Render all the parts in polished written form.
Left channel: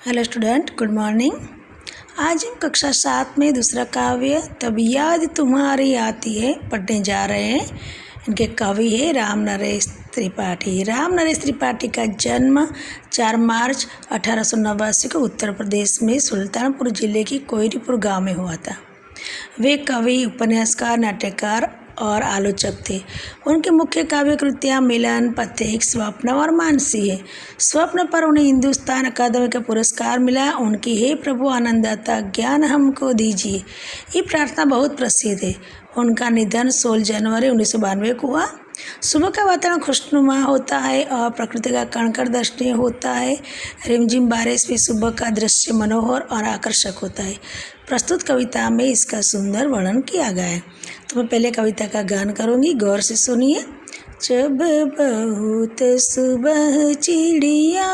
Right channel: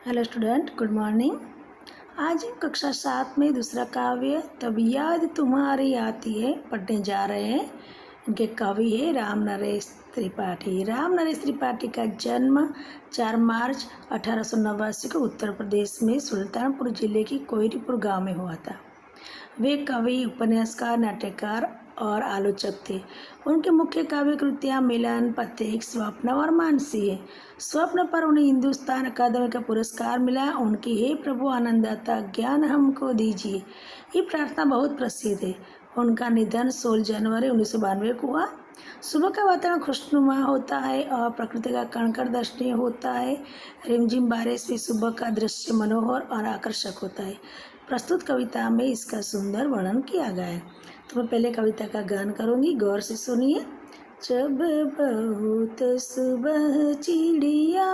Hello student, good morning. आज हम कक्षा 7 में दूसरा काव्य तब याद तुम्हारी आती है पढ़ने जा रहे हैं। इनके कवि है राम नरेश त्रिपाठी। राम नरेश त्रिपाठी का जन्म 4 मार्च 1889 को उत्तर प्रदेश में सुल्तानपुर जिले की कोयरीपुर गांव में हुआ था। वे कवि, उपन्यासकार, नाट्यकार और आलोचक थे। उनकी मुख्य काव्य कृतियाँ मिलन, पथिक, स्वप्न और मानसी है। स्वप्न पर उन्हें हिंदुस्तान अकादमी का पुरस्कार मिला। उनकी हे प्रभु आनंददाता ज्ञान हमको दीजिए, ये प्रार्थना बहुत प्रसिद्ध है। उनका निधन 16 जनवरी 1992 को हुआ। सुबह का वातावरण खुशनुमा होता है और प्रकृति का कणकण दर्शनीय होता है। रिमझिम बारिश में सुबह का दृश्य मनोहर और आकर्षक होता है। प्रस्तुत कविता में इसका सुंदर वर्णन किया गया है। तो मैं पहले कविता का गान करूँगी, गौर से सुनिए। जब बहुत सुबह चिड़िया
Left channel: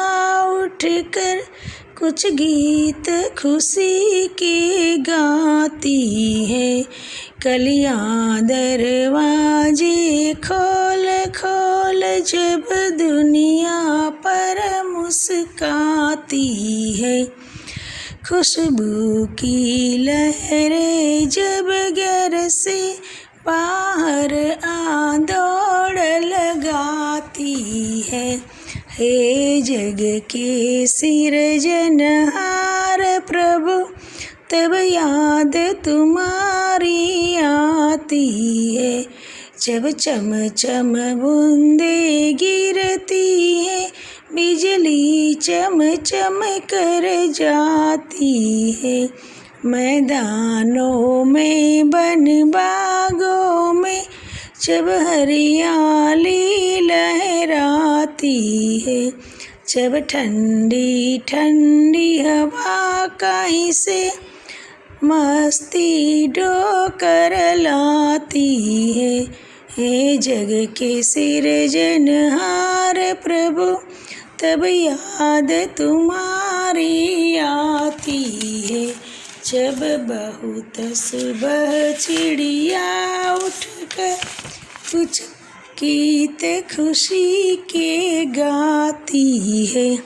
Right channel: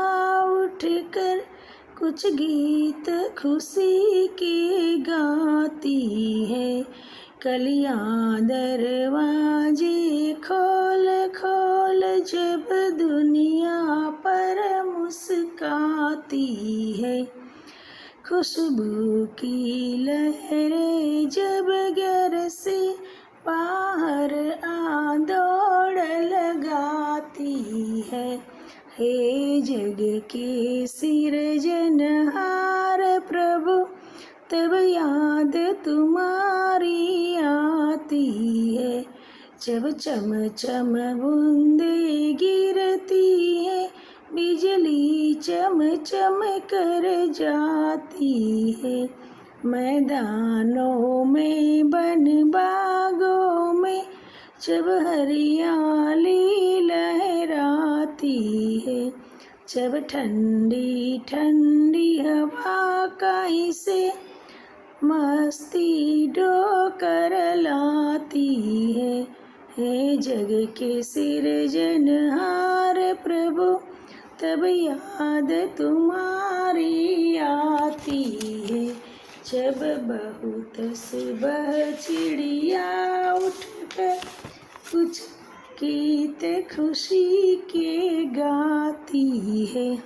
उठकर कुछ गीत खुशी के गाती है, कलियां दरवाजे खोल खोल जब दुनिया पर मुस्काती है, खुशबू की लहरें जब घर से बाहर आ दौड़ लगाती है, हे जग के सिरजनहार प्रभु तब याद तुम्हारी आती है, जब चम चम बूंदे गिरती है, बिजली चम चम कर जाती है, मैदानों में बन बागों में जब हरियाली लहराती है, जब ठंडी ठंडी हवा कहीं से मस्ती ढोकर लाती है, हे जग के सिरजनहार प्रभु तब याद तुम्हारी आती है, जब बहुत सुबह चिड़िया उठकर कुछ गीत खुशी के गाती है।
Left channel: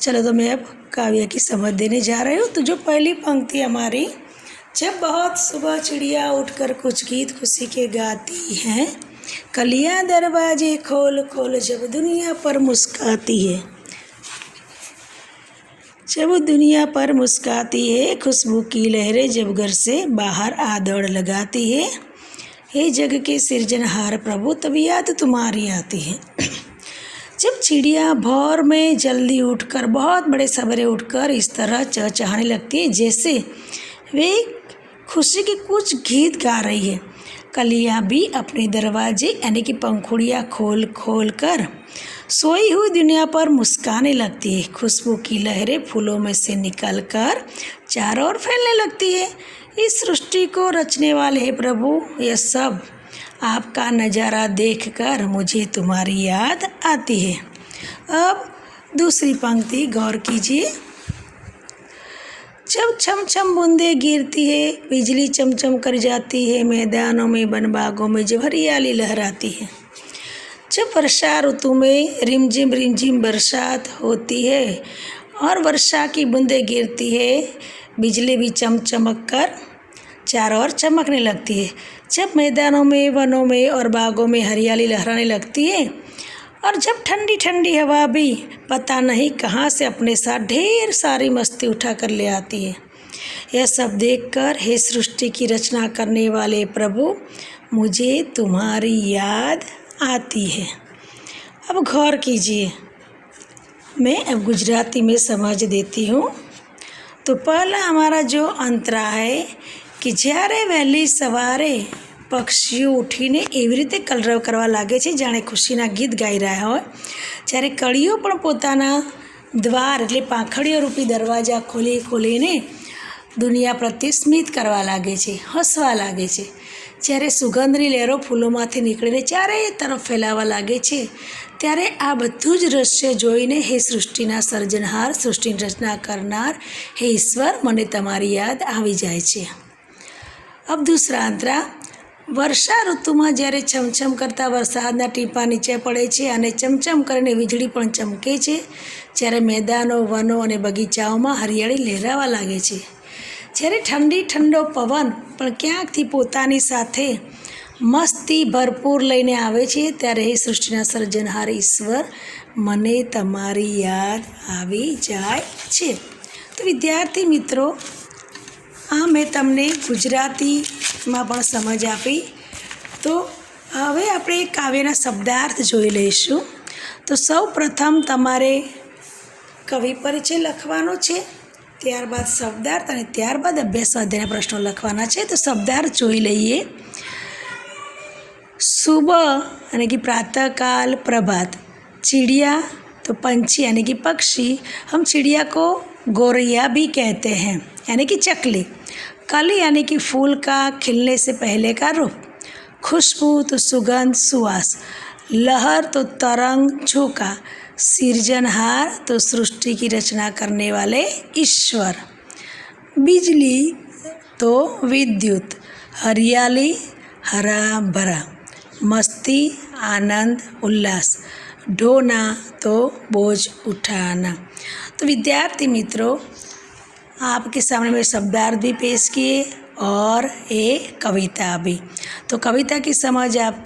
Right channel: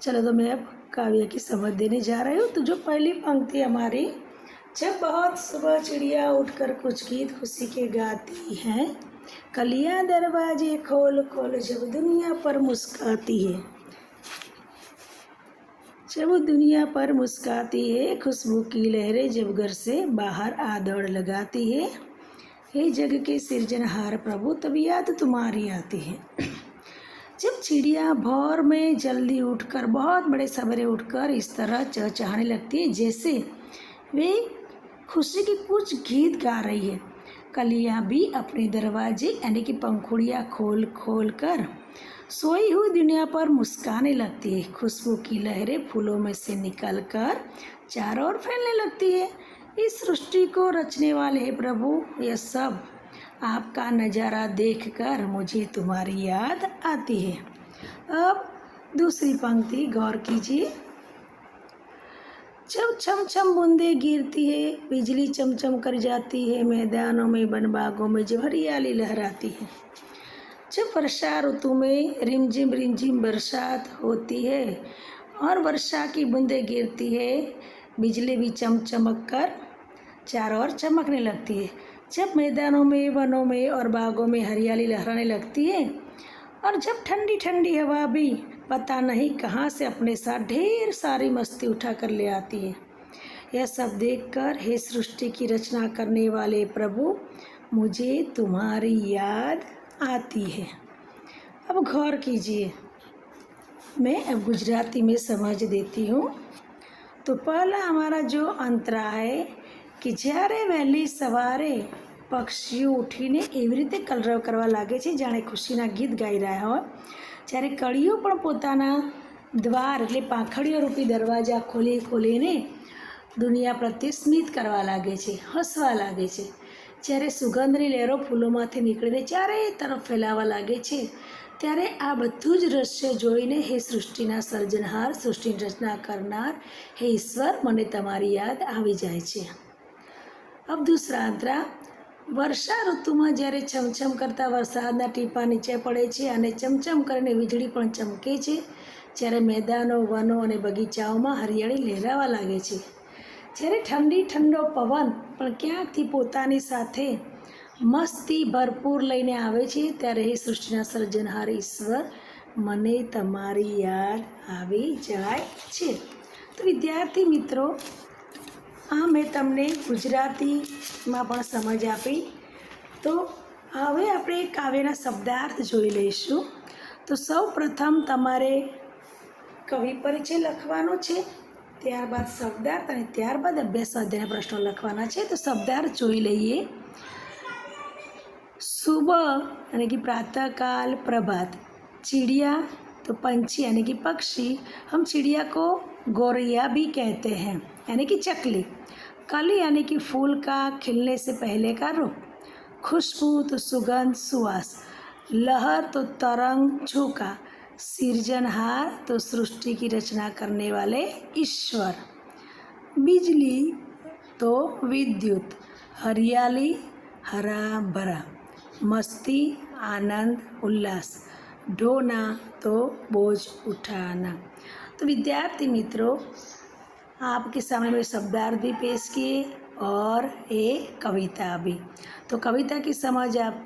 चलो, तो मैं अब काव्य की समझ देने जा रही हूँ। तो जो पहली पंक्ति हमारी, जब बहुत सुबह चिड़िया उठकर कुछ गीत खुशी के गाती हैं, कलियां दरवाजे खोल खोल जब दुनिया पर मुस्काती है, जब दुनिया पर मुस्काती है, खुशबू की लहरें जब घर से बाहर आ दौड़ लगाती है, हे जग के सिरजनहार प्रभु तब याद तुम्हारी आती है। जब चिड़िया भोर में जल्दी उठकर, बहुत बड़े सवेरे उठकर इस तरह चहचहाने लगती है जैसे वे खुशी के कुछ गीत गा रही है, कलियां भी अपने दरवाजे यानी कि पंखुड़ियाँ खोल खोल कर सोई हुई दुनिया पर मुस्काने लगती है, खुशबू की लहरें फूलों में से निकलकर चारों ओर फैलने लगती है। इस सृष्टि को रचने वाले हे प्रभु, यह सब आपका नज़ारा देखकर मुझे तुम्हारी याद आती है। अब दूसरी पंक्ति गौर कीजिए। जब छम छम बूंदे गिरती है, बिजली चमचम कर जाती है, मैदानों में वन बागों में जब हरियाली लहराती है, जब वर्षा ऋतु में रिमझिम बरसात होती है और वर्षा की बूंदें गिरती है, बिजली भी चमक कर चारों ओर चमकने लगती है, जब मैदानों में, वनों में और बागों में हरियाली लहराने लगती है, और जब ठंडी ठंडी हवा भी पता नहीं कहाँ से अपने साथ ढेर सारी मस्ती उठा कर ले आती है। यह सब देखकर हे सृष्टि की रचना करने वाले प्रभु, मुझे तुम्हारी याद आती है। अब गौर कीजिए, मैं अब गुजराती में समझ देती हूँ। तो पहला हमारा जो अंतरा है कि જ્યારે વહેલી સવારે પક્ષીઓ ઉઠીને એવી રીતે કલરવ કરવા લાગે છે જાણે ખુશીના ગીત ગાઈ રહ્યા હોય, જ્યારે કળીઓ પણ પોતાના દ્વાર એટલે પાંખડીઓ રૂપી દરવાજા ખોલી ખોલીને દુનિયા પ્રત્યે સ્મિત કરવા લાગે છે, હસવા લાગે છે, જ્યારે સુગંધની લહેરો ફૂલોમાંથી નીકળીને ચારેય તરફ ફેલાવા લાગે છે, ત્યારે આ બધું જ દૃશ્ય જોઈને હે સૃષ્ટિના સર્જનહાર, સૃષ્ટિની રચના કરનાર હે ઈશ્વર, મને તમારી યાદ આવી જાય છે। अब दूसरा अंतरा, વર્ષા ઋતુમાં જ્યારે છમછમ કરતા વરસાદના ટીપાં નીચે પડે છે અને ચમચમ કરીને વીજળી પણ ચમકે છે, જ્યારે મેદાનો વનો અને બગીચાઓમાં હરિયાળી લહેરાવા લાગે છે, જ્યારે ઠંડો પવન પણ ક્યાંકથી પોતાની સાથે મસ્તી ભરપૂર લઈને આવે છે, ત્યારે હે સૃષ્ટિના સર્જનહાર ઈશ્વર, મને તમારી યાદ આવી જાય છે. તો વિદ્યાર્થી મિત્રો, આ મેં તમને ગુજરાતીમાં પણ સમજ આપી. તો હવે આપણે કાવ્યના શબ્દાર્થ જોઈ લઈશું. તો સૌ પ્રથમ તમારે કવિ પરિચય લખવાનો છે, ત્યારબાદ શબ્દાર્થ અને ત્યારબાદ અભ્યાસ સ્વાધ્યાયના પ્રશ્નો લખવાના છે. તો શબ્દાર્થ જોઈ લઈએ. सुबह यानी कि प्रातःकाल, प्रभात. चिड़िया तो पंछी यानी कि पक्षी, हम चिड़िया को गौरैया भी कहते हैं यानी कि चकली. कली यानी कि फूल का खिलने से पहले का रूप. खुशबू तो सुगंध, सुवास. लहर तो तरंग, झोंका. सृजनहार तो सृष्टि की रचना करने वाले ईश्वर. बिजली तो विद्युत. हरियाली, हरा भरा. मस्ती, आनंद, उल्लास. ढोना तो बोझ उठाना. तो विद्यार्थी मित्रों, आपके सामने मैं शब्दार्थ भी पेश किए और एक कविता भी. तो कविता की समझ आपको